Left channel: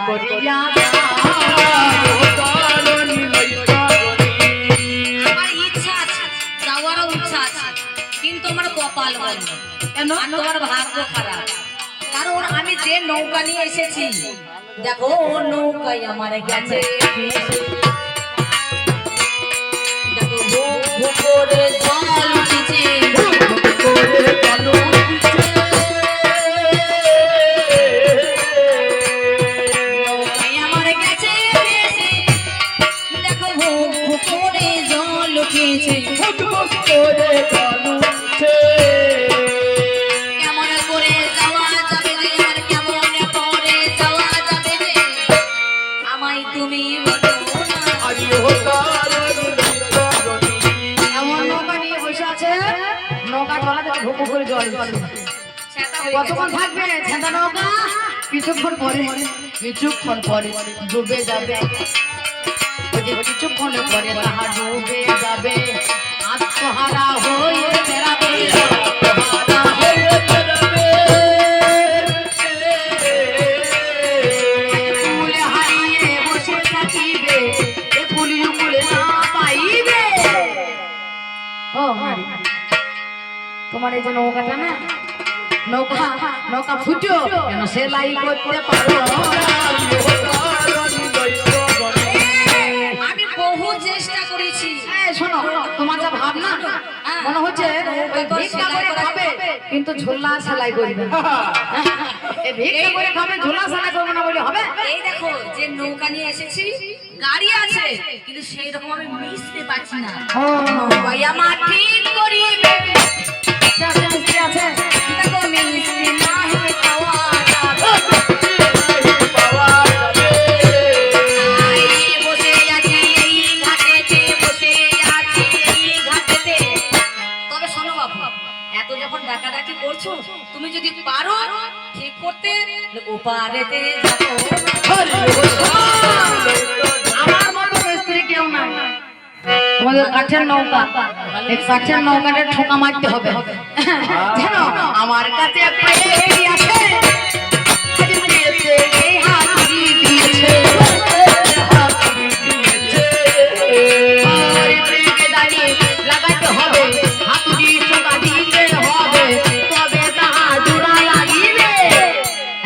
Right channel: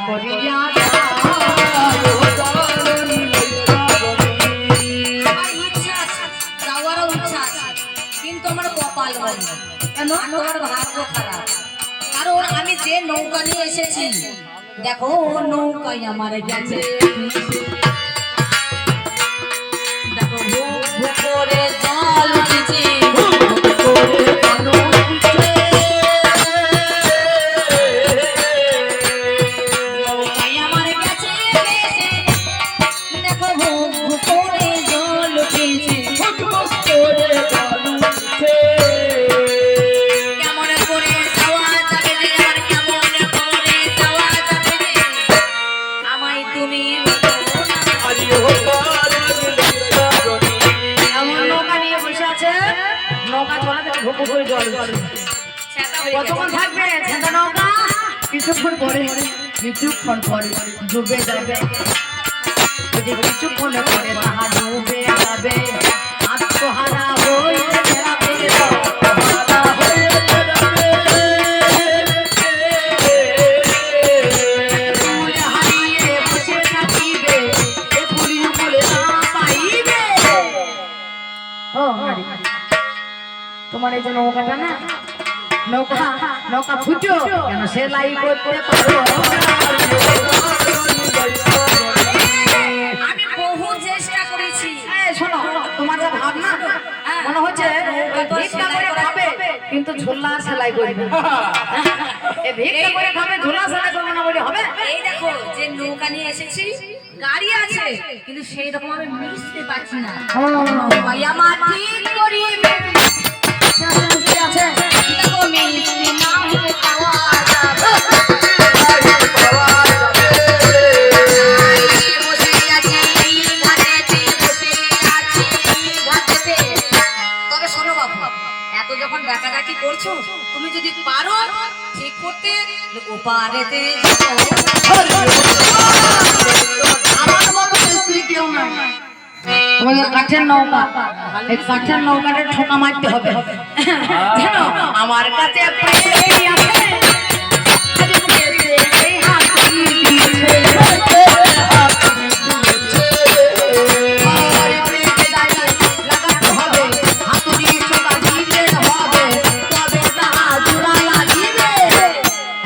করিয়া আমার ইচ্ছা আছে যাওয়ারও ইচ্ছা আছে কিন্তু আমার কপাল বন্ধ কেন তোমার ভাগ্য খারাপ কারণ আমি যে নৌকা নিয়ে এসেছি দেখো নৌকাই আমার গেছে দেখো করে কতক্ষণ থাকবে? ছেঁদা নৌকা? কিছুক্ষণ পরে। কিছুক্ষণ পরে ডুবে যাবে। কিছুক্ষণে পরে তাহা ডুবে যাবে, আত্মহারা হয়ে তোমার এই যে নৌকাটা না? নৌকা নৌকা ফুটো। কেন সেলাই করতে পারো? আমি বহু চেষ্টা করেছি। এই শোনো তোমার যা ভাবনা মনে হচ্ছে ভিক্ষা করে খাবে কিন্তু ঝোলা সেলাই করবে ভিক্ষা করে খাবে ঝোলা সেলাই করবে না বলে হবে? এই দেখো যে নৌকা নিয়ে এসেছি গাড়ি আছে কিন্তু সেই রকম আমি মিশতে পারছি না। ভাই আমার? যখন ডাকাডাকি করছ তুমি যদি পারো ঠিক করতে আমার মতো মিস্ত্রি কেউ নাই। তোমাদের কাঠের নৌকা এই কাঠের নৌকাটা ঠোকা মারতে হবে। জানো আমার কাছে